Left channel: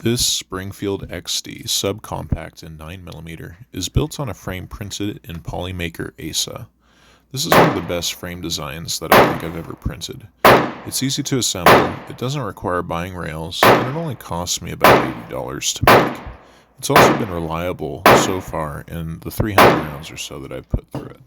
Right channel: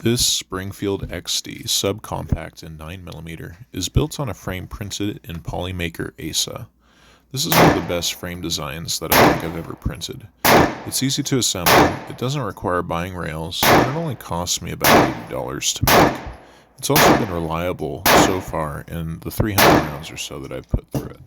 This Springfield XD Subcompact in 9mm is built on a frame printed in Polymaker ASA. This is one of the best frame designs that I think I've ever printed. It's easy to assemble, it doesn't require buying rails, and it only costs me about $80 to make. It's also been reliable so far in the 300 rounds or so that I've put through it.